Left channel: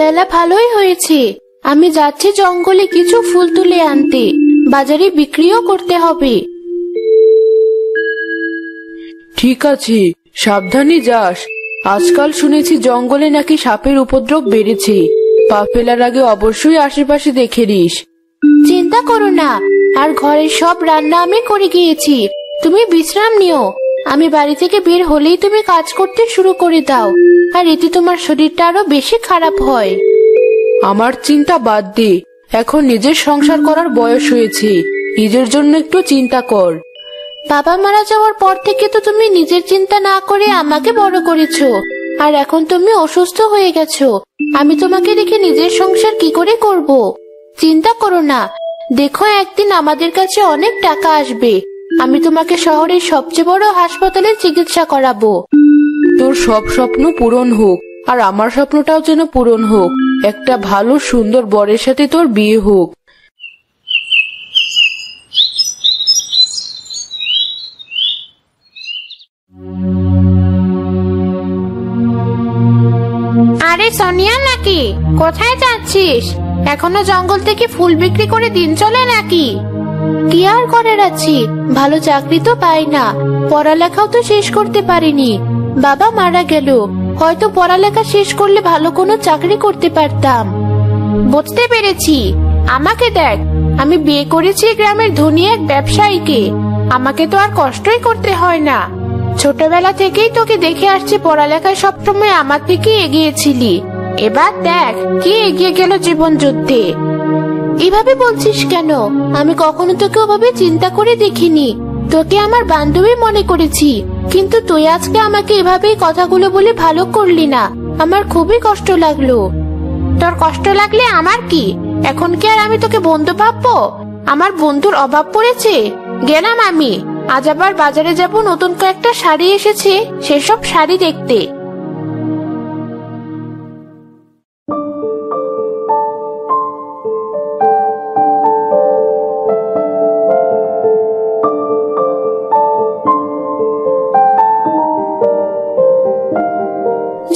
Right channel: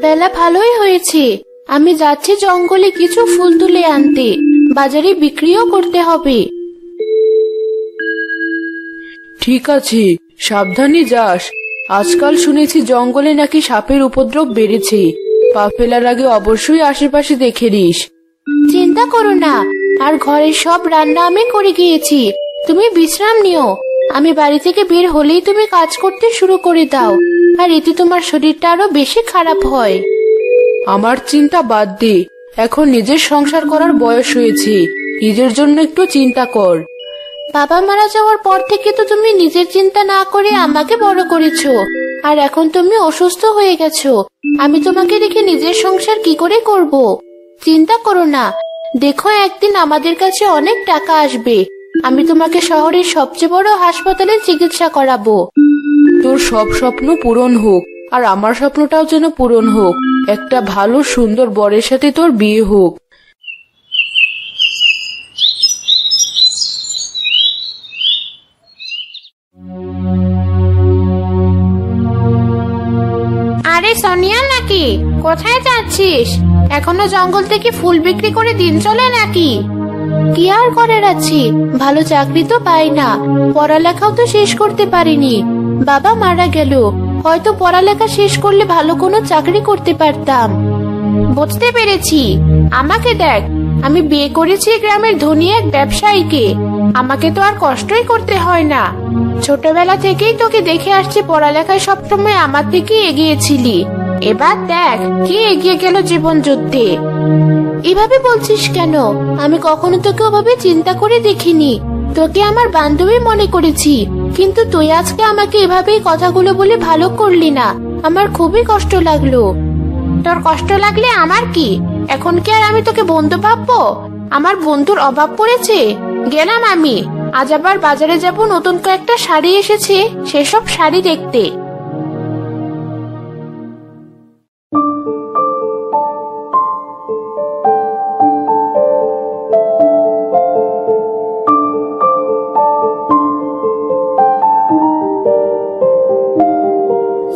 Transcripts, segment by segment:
বেলা ভালোই হয়েছে। আমি যাচ্ছি জঙ্গলে কিছু ফুল তুলে আনতে, বাজারে বিক্রিও করতে হবে। ঠিক আছে, সাবধানে যাস। আজকাল শুনেছি জঙ্গলে নাকি সাপের উপদ্রব বেড়েছে। পা ফেলার আগে অবশ্যই আশেপাশে দেখে নিস। চিন্তা করো না, আর ঘরের সব রান্না আমি করে গিয়েছি। তুমি বিশ্রাম নিও। আমি বাড়ি থেকে বের হলেই তুমি কাজ করতে শুরু করে দাও, আর এতে তোমার শরীরটা আরো বেশি খারাপ হয়। আমার চিন্তা বাদ দে, এখন নিজের সংসার করার বয়স হয়েছে। নিজের জন্য একটু চিন্তা কর। বাবা মারা যাওয়ার পর থেকে তো তুমি নিজের চিন্তা না করে আমাকে বড় করেছো, আর এখন তুমি অসুস্থ হয়ে গেছো। আমি তোমাকে রেখে নিজের সংসার কি করে করব? চিন্তা করো না, দেখো একদিন আমাদের কাছে অনেক টাকা আসবে। আমি তোমাকে শহরের সবচেয়ে বড় হাসপাতালে চিকিৎসা করাবো। তোর সব স্বপ্ন পূরণ হোক, আর আমার স্বপ্নটাও যেন পূরণ হোক। একটা ভালো সুন্দর বরের সাথে তোর বিয়ে হোক। আরে সোনিয়া নাকি? কোথায় যাচ্ছিস? এখনো জঙ্গল থেকে ফুল বিক্রি করে দিন চলে নাকি? কি আর করার আছে, ভালো চাকরি তো পাই না, পড়ালেখাও তো শেষ করতে পারিনি। বাবা মারা গেল, হয়তো পড়ালেখা শেষ করলে ভালো কোনো চাকরি করতে পারতাম। বুঝতে পেরেছি। আমাকে দেখ, আমি বিয়ে করেছি গ্রামের ধনী এক ব্যবসায়ীকে। আমাকে তো আর কষ্টই করতে হয় না। ছোটবেলা থেকেই তোকে দেখে আসছি পড়ালেখায় সবসময় আমার থেকে এগিয়েছিলি। এবার দেখ কি এগিয়ে গেল জীবন যুদ্ধে। এভাবে বলছিস কেন? আমি কখনো তোকে ওভাবে চিন্তা করে দেখিনি। তোকে আমার বান্ধবী মনে করেছি, কিন্তু তুই আজকে আমাকে এভাবেই কথাগুলো বলে ভালো করলি না। আমার খুবই কষ্ট লাগলো। তোর কষ্ট লাগলে আমার কি? এখন কি আর আমি তোকে বন্ধু ভাববো? আমার বন্ধুর অভাব পড়েছে? গেলাম আমি। আজ আবার বাজারে যাব, নতুন কয়েকটা শাড়ি এসেছে, সেসব শাড়ি দেখতে।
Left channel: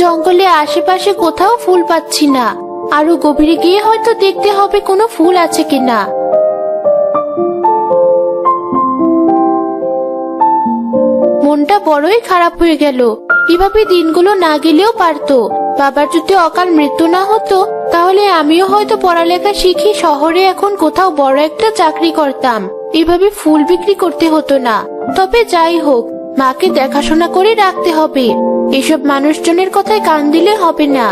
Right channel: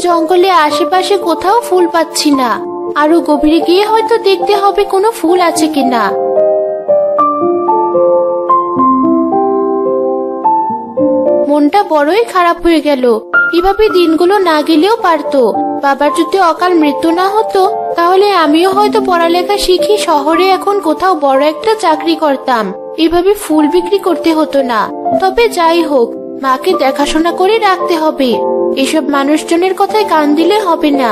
জঙ্গলে আশেপাশে কোথাও ফুল পাচ্ছি না। আরো গভীরে গিয়ে হয়তো দেখতে হবে কোনো ফুল আছে কিনা। মনটা বড়ই খারাপ হয়ে গেল। এভাবে দিনগুলো না গেলেও পারতো। বাবার যদি অকাল মৃত্যু না হতো, তাহলে আমিও হয়তো পড়ালেখা শিখি শহরে এখন কোথাও বড় একটা চাকরি করতাম। এভাবে ফুল বিক্রি করতে হতো না। তবে যাই হোক, মাকে দেখাশোনা করে রাখতে হবে। এসব মানুষজনের কথায় কান দিলে হবে না।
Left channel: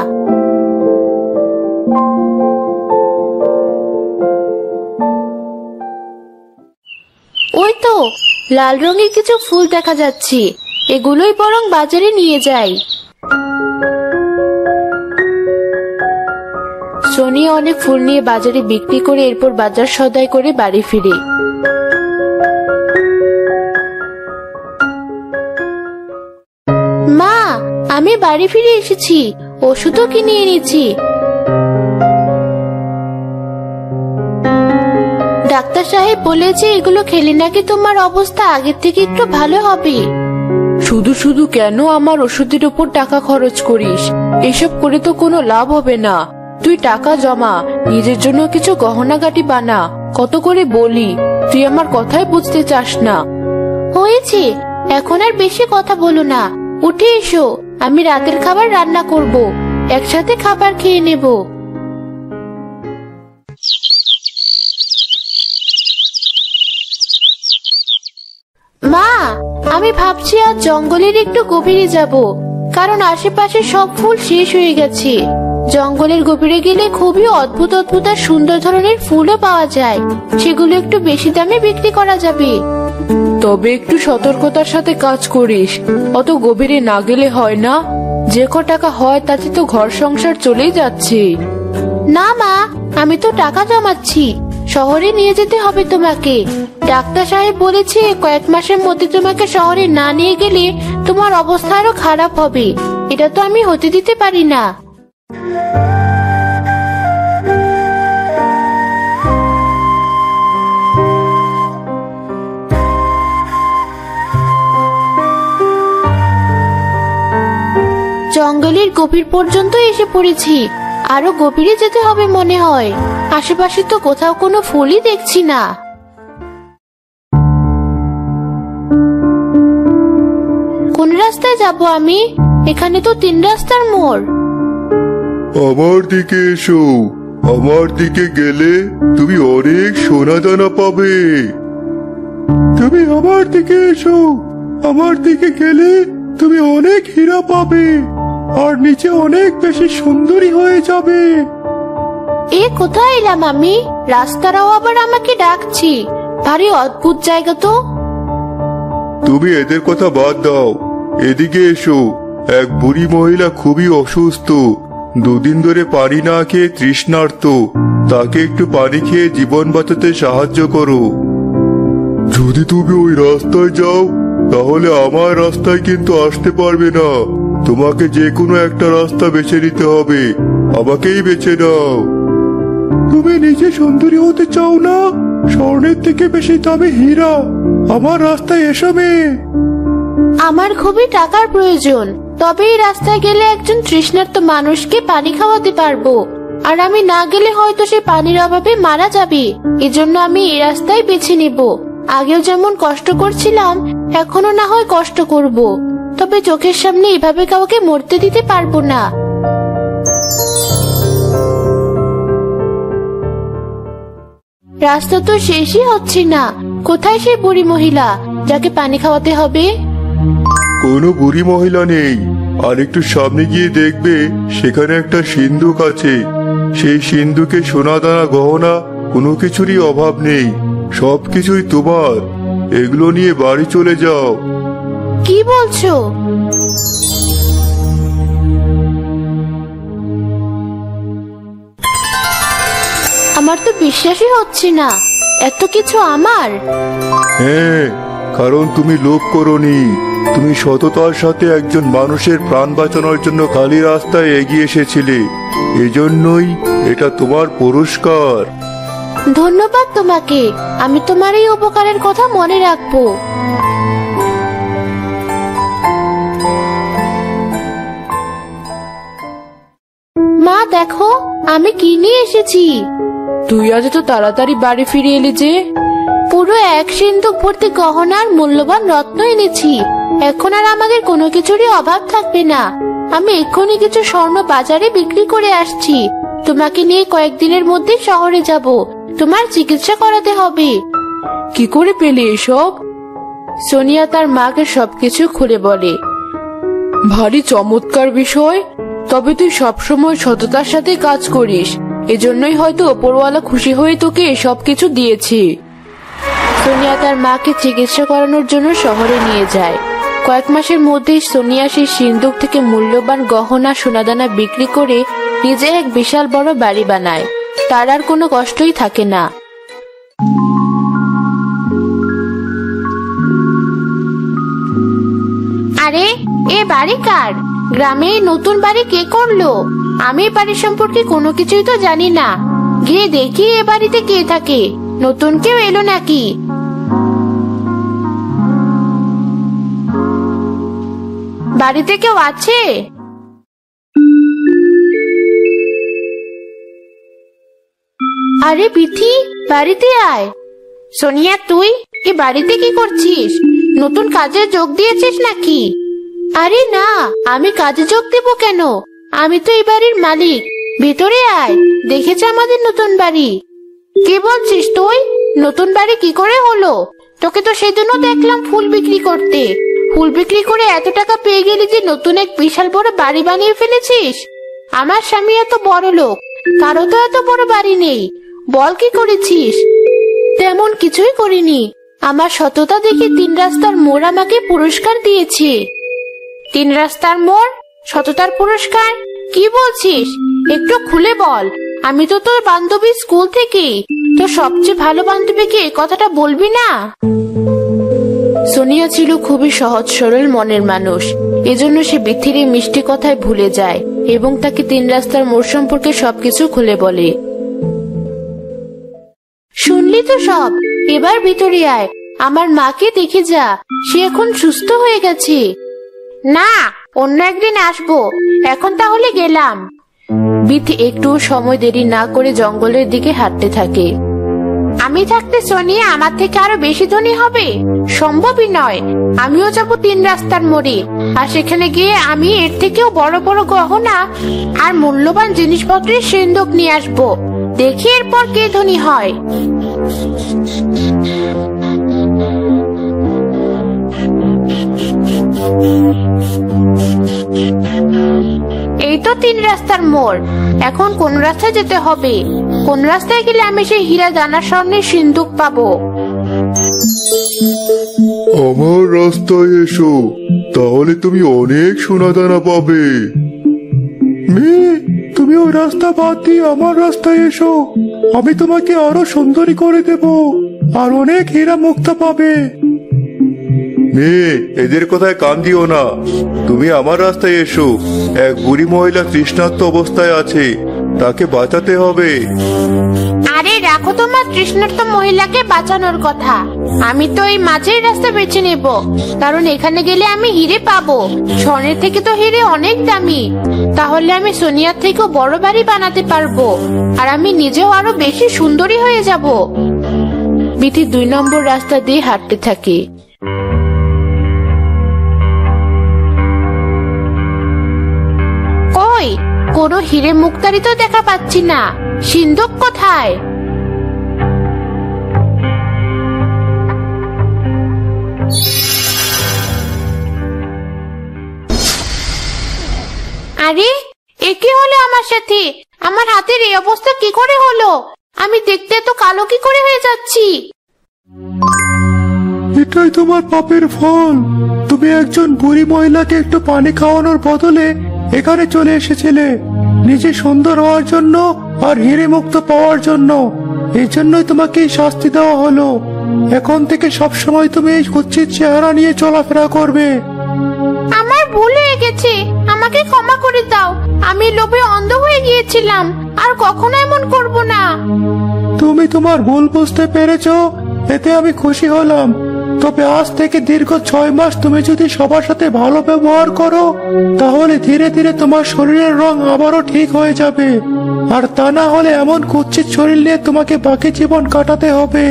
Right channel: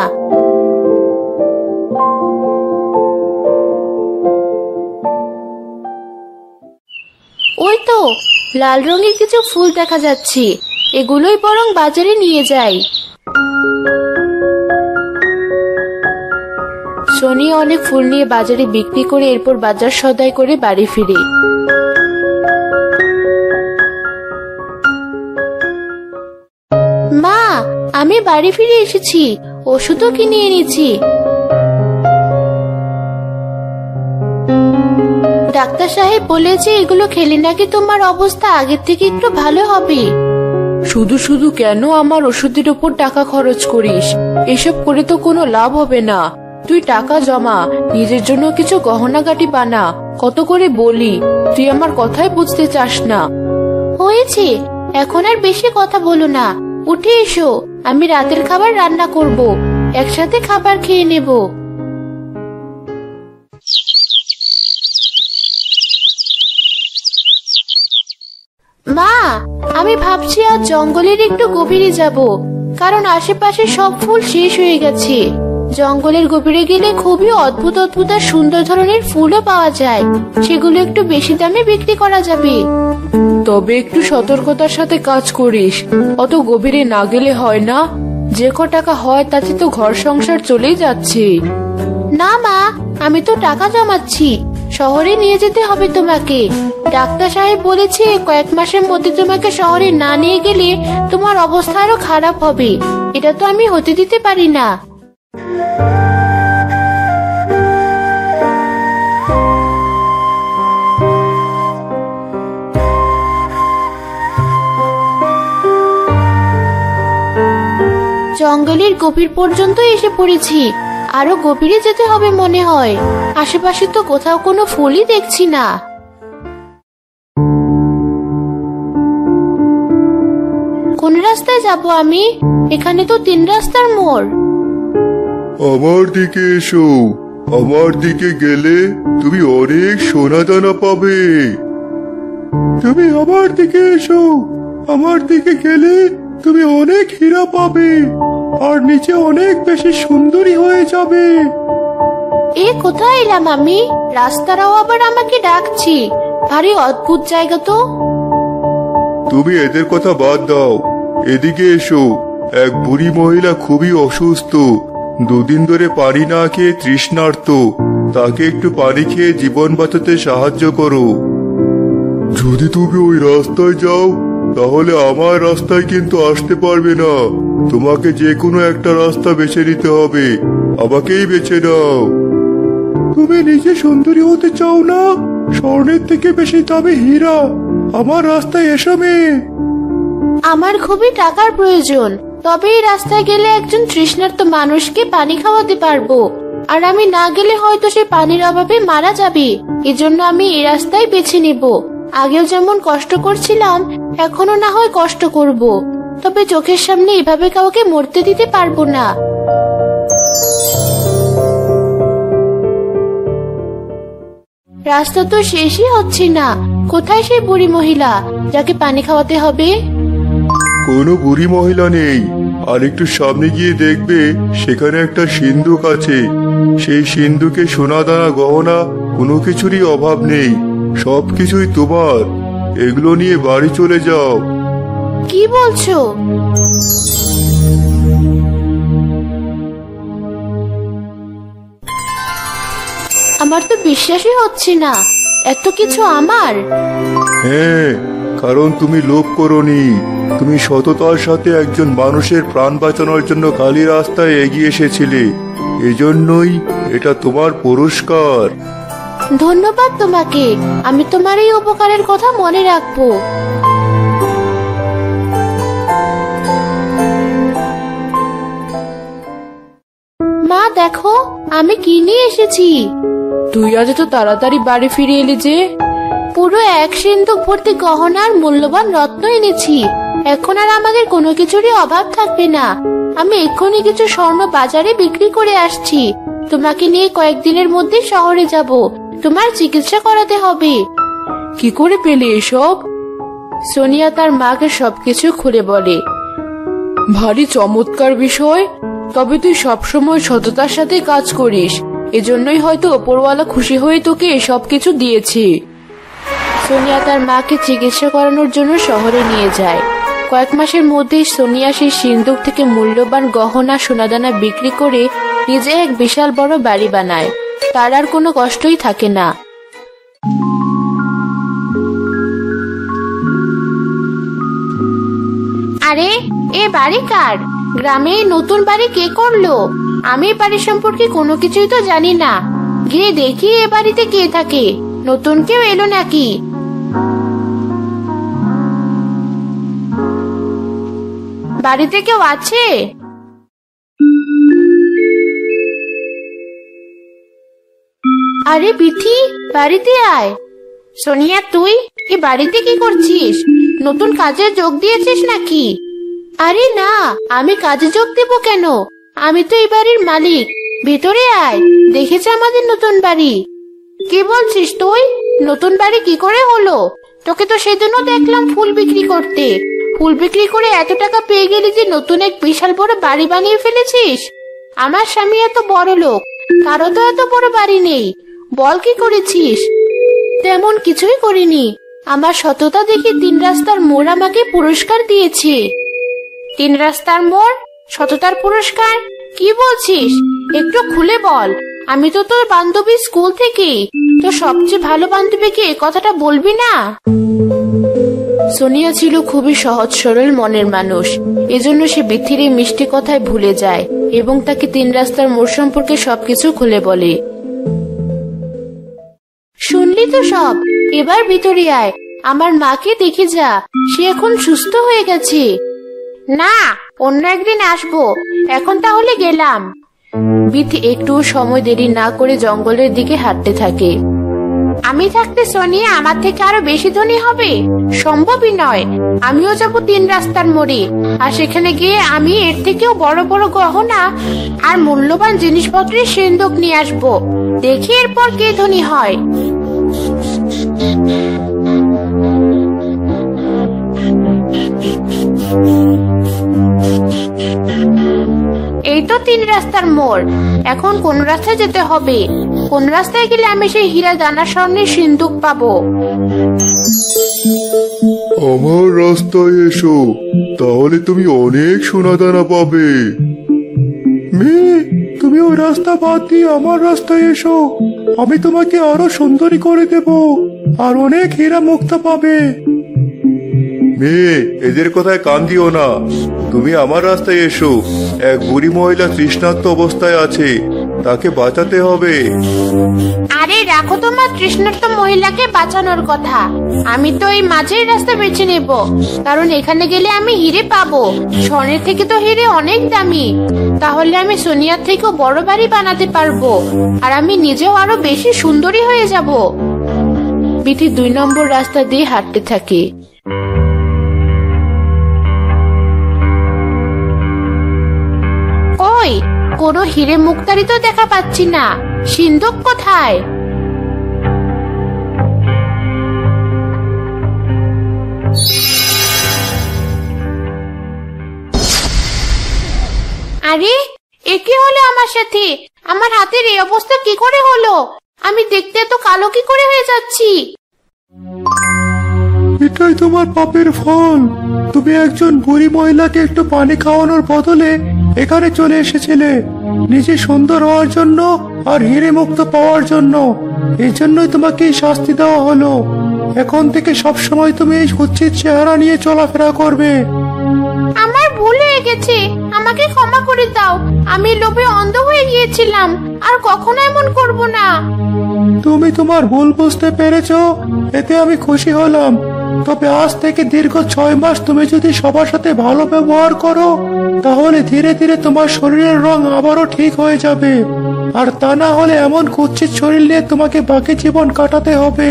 ওই তো লাল রঙের কিছু ফুল দেখা যাচ্ছে, এগুলোই বরং বাজারে নিয়ে যাই। সোনি অনেক ফুল নিয়ে বাজারে বিক্রি করে এরপর বাজার সদাই করে বাড়ি ফিরে। মা, আমি বাড়ি ফিরে এসেছি, ওষুধও কিনে এনেছি। ডাক্তার সাহেব বলেছে এগুলো খেলে নাকি তোমার অবস্থা আগে থেকে একটু ভালো হবে। শুধু শুধু কেন আমার ওষুধের উপর টাকা খরচ করিস? এসব করে তো কোনো লাভ হবে না। তুই টাকা জমা, নিজের জন্য কিছু গহনাগাটি বানা। কত করে বলি, তুই আমার কথাই বুঝতে চাস না। হয়েছে, এখন আর বেশি কথা বলো না। উঠে এসো, আমি রাতের খাবার রান্না করব, একসাথে খাবার খেয়ে নেব। মা, আমি ভাবছি আজ জঙ্গলের একটু গভীরে যাব, কারণ আশেপাশে সব ফুল শেষ হয়ে গেছে। জঙ্গলের গভীরে গেলে খুবই অদ্ভুত অদ্ভুত আর সুন্দর ধরনের ফুলও পাওয়া যায়, সেগুলো একটু বেশি দামে বিক্রি করা যাবে। তবে একটু সতর্কতার সাথে কাজ করিস, অত গভীরে না গেলে হয় না। যে ক টাকা হয় তাতে তো ঘর সংসার চলেই যাচ্ছে। না মা, আমি তো টাকা জমাচ্ছি, শহরে নিয়ে যেতে হবে তোমাকে। ডাক্তার সাহেব বলেছে কয়েক মাসের মধ্যে তোমাকে শহরে না নিয়ে গেলে তোমার অবস্থা আরো খারাপ হবে। এটা তো আমি হতে দিতে পারি না। জঙ্গলের গভীর পর্যন্ত এসে পড়েছি। আরো গভীরে যেতে হবে মনে হয়। আশেপাশে তো কোথাও কোনো ফুলই দেখছি না। কোন রাস্তায় যাব আমি? এখানে তো 3 রাস্তার মোড়। আমার দিকে এসো। আমার দিকে গেলে তুমি অনেক সোনা দানা পাবে। তুমি আমার দিকে এসো। আমার দিকে গেলে তুমি অনেক হীরা পাবে, আর নিচে অনেক বেশি সুন্দরী হয়ে যাবে। এ কোথায় এলাম আমি? রাস্তারাও আবার আমাকে ডাকছি। ভারী অদ্ভুত জায়গা তো। তুমি এদের কথা বাদ দাও, এদিকে এসো। এক বুড়ি মহিলা খুবই অসুস্থ, 2 দিন ধরে পানি না খেয়ে তৃষ্ণার্ত। তাকে একটু পানি খেয়ে জীবন বাঁচাতে সাহায্য করো। যদি তুমি ওই রাস্তায় যাও তাহলে আমার রাস্তায় কিন্তু আসতে পারবে না। তোমাকে যে কোনো একটা রাস্তা বেছে নিতে হবে। আমাকেই বেছে নাও। তুমি নিজে সুন্দরী হতে চাও না? স্বর্ণের থেকে বেশি দামি হীরা আমার রাস্তায় এসবে। আমার খুবই টাকার প্রয়োজন, তবে এই রাস্তায় গেলে একজন তৃষ্ণার্ত মানুষকে পানি খাওয়াতে পারবো। আর আমি না গেলে হয়তো সে পানির অভাবে মারা যাবে। এজন্য আমি এই রাস্তায় বেছে নিব। আগেও যেমন কষ্ট করছিলাম, এখনো না হয় কষ্ট করব, তবে চোখের সামনে এভাবে কাউকে মরতে দিতে পারবো না। রাস্তা তো শেষই হচ্ছে না। কোথায় সেই বুড়ি মহিলা যাকে পানি খাওয়াতে হবে? কোনো বুড়ি মহিলা নেই। আর একটু সামনে গিয়ে দেখবে সেখানে একটা সিন্ধুক আছে। সেই সিন্ধুকে সোনা দানা গহনা কোনো কিছুরই অভাব নেই। সবকিছুই তোমার। এগুলো নিয়ে বাড়ি চলে যাও। কি বলছো? আমার তো বিশ্বাসই হচ্ছে না, এত কিছু আমার। হ্যাঁ, কারণ তুমি লোভ করোনি। তুমি সততার সাথে একজন মানুষের প্রাণ বাঁচানোর জন্য খালি রাস্তায় এগিয়ে এসেছিলে। এজন্যই এটা তোমার পুরস্কার। ধন্যবাদ তোমাকে। আমি তোমার এই উপকারের কথা মনে রাখবো। মা দেখো, আমি কি নিয়ে এসেছি। তুই আজ তো তাড়াতাড়ি বাড়ি ফিরে এলি যে? পুরো 1 সিন্ধুক ভর্তি গহনা আর মূল্যবান রত্ন এনেছি। এখন আর আমাদের কোনো কিছুরই অভাব থাকবে না। আমি এক্ষুনি কিছু স্বর্ণ বাজারে বিক্রি করে আসছি। তোমাকে নিয়ে কয়েকদিনের মধ্যে শহরে যাব। তোমার চিকিৎসা করাতে হবে। কি করে পেলি এসব? সোনিয়া তার মাকে সবকিছু খুলে বলে। ভারী চমৎকার বিষয়। তবে তুই সবসময় সততার সাথে কাজ করিস, এজন্যই হয়তো ওপরওয়ালা খুশি হয়ে তোকে এসব কিছু দিয়েছে। সোনিয়া তার মাকে চিকিৎসা করানোর জন্য শহরে নিয়ে যায়। কয়েক মাসের মধ্যেই সোনিয়া সেই সিন্ধুক থেকে মূল্যবান গহনা সোনাদানা বিক্রি করে নিজে এক বিশাল বড় বাড়ি বানায়। তার আর কোনো কষ্টই থাকে না। আরে, এ বাড়ি কার? গ্রামে নতুন বাড়ি কে করলো? আমি বাড়ি সম্পর্কে কোনো কিছুই তো জানি না। গিয়ে দেখি এ বাড়িতে কে থাকে। নতুন কেউ এলো নাকি? বাড়িতে কেউ আছে? আরে বিথি, বাড়িতে আয়। সোনিয়া, তুই এ বাড়িতে কি করছিস? নতুন কাজে যোগ দিয়েছিস নাকি? আরে না, আমি কাজে যোগ দেবো কেন? আমি তো এই বাড়ির মালিক। ভেতরে আয়, দেখেছ আমাদের নতুন বাড়ি। কি বলছিস তুই? নতুন বাড়ি কি করে হলো? তোকে তো সেদিনও দেখলাম ফুল বিক্রি করতে। ফুল বিক্রি করে এত টাকা পেয়ে গেলি যে নতুন এক বিশাল বড় বাড়ি বানিয়ে ফেলেছিস। আমার স্বামী এত বড় লোক, কারো তো এত বড় বাড়ি নেই। বল কি করেছিস? তেমন কিছুই করিনি। আমার সততা দেখে 3 রাস্তার মোড় আমাকে পুরস্কার দিয়েছে। 3 রাস্তার মোড়? সততার পুরস্কার? কি বলছিস? একটু খুলে বল। আমি তো তোর বান্ধবী স্কুল থেকে। তোর সবচেয়ে ভালো বান্ধবীকে এই কথাটা বলবি না? সোনিয়া ছিল খুবই সহজ সরল মনের মানুষ। এজন্য সে বিথির এই মিষ্টি কথায় ভুলে যায় এবং তাকে 3 রাস্তার মোড় সম্পর্কে সবকিছু খুলে বলে। শুনলি তো সব? এবার ভিতরে আয়, আমার মাকে দেখে যা। সে এখন সুস্থ হয়ে গেছে। না, অন্য একদিন আসবো। এখন তাহলে গেলাম। বিথি একটু সময় দেরি না করে জঙ্গলের দিকে হাঁটতে থাকে। আমি থাকতে সোনিয়া আমার থেকে আরো বেশি ধনী হবে? সম্ভবই নয়। আমিও যাব 3 রাস্তার মোড়ে, আর সেখানে গিয়ে আমি এর থেকেও বড় বড় গহনা আর মূল্যবান জিনিসপত্রের সিন্ধুক নিয়ে আসবো। দেখি এরপর কে ধনী হয়। এই তো 3 রাস্তার মোড়। এখন কোন রাস্তায় যেতে হবে? কোন রাস্তায় গেলে আমি সেই হীরা দানা স্বর্ণের সিন্ধুক পাবো? আমার রাস্তায় এসো, তাহলে তুমি অনেক সোনা দানা পাবে। মেয়ে, তুমি ওই রাস্তা বাদ দিয়ে আমার রাস্তায় এসো, আমি তোমাকে আরো সুন্দরী করে দেব, আর অনেক হীরা মুক্তা পাবে। মেয়ে, এদের কথায় কান দিও না, তুমি আমার রাস্তায় এসো। এক বুড়ি মহিলা তৃষ্ণার্ত অবস্থায় আছে, তাকে বাঁচাতে হবে। আরে রাখো তোমার তৃষ্ণার্ত মহিলাকে বাঁচানোর কথা। আমি তো এই মাঝের রাস্তা বেছে নেব, কারণ এখানে গেলে আমি হিরে পাবো। স্বর্ণের থেকে তো হিরে অনেক দামি। তাহলে আমি সোনিয়ার থেকেও বড় বাড়ি বানাতে পারবো, আর আমি নিজেও আরো বেশি সুন্দরী হয়ে যাব। বিথি 2 নম্বর রাস্তা দিয়ে হাঁটতে থাকে। কই, কোনো হিরে মুক্তারি তো দেখা পাচ্ছি না। সিন্ধুক কোথায়? আরে এ কি হলো আমার সাথে? আমার হাতের এই অবস্থা কি করে হলো? আমি দেখতে তো কালো কি করে হয়ে যাচ্ছি? এটাই তোমার পাপের ফল। তুমি একজন বুড়ি মহিলাকে একটু পানি খাওয়ানোর বদলে এখানে চলে এসেছিলে, নিজে সুন্দর হওয়ার জন্য আর হিরে মুক্ত পাওয়ার জন্য। এই জন্যই তোমাকে এই শাস্তি দেওয়া হলো। এখন থেকে সবসময় তুমি এই কুৎসিত চেহারা নিয়ে চলাফেরা করবে। আমার ভুল হয়ে গেছে, আমাকে ক্ষমা করে দাও। আমি লোভে অন্ধ হয়ে গিয়েছিলাম, আর কখনো এমন করব না। তুমি তোমার ভুল বুঝতে পেরেছো, এতে আমি খুশি হলাম। তবে আজ থেকে দীর্ঘ 6 মাস তুমি যদি সবার সাথে ভালো ব্যবহার করো, তাহলে ধীরে ধীরে তোমার শরীরের রং আবারও ঠিক হয়ে যাবে। আর তা না হলে এমন কুৎসিত শরীর নিয়ে তোমাকে বাকি জীবন কাটাতে হবে।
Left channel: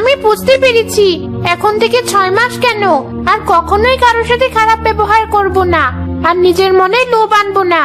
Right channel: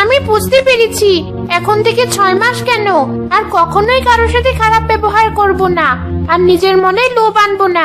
আমি বুঝতে পেরেছি। এখন থেকে 6 মাস কেন, আর কখনোই কারোর সাথে খারাপ ব্যবহার করব না, আর নিজের মনে লোভ আনবো না।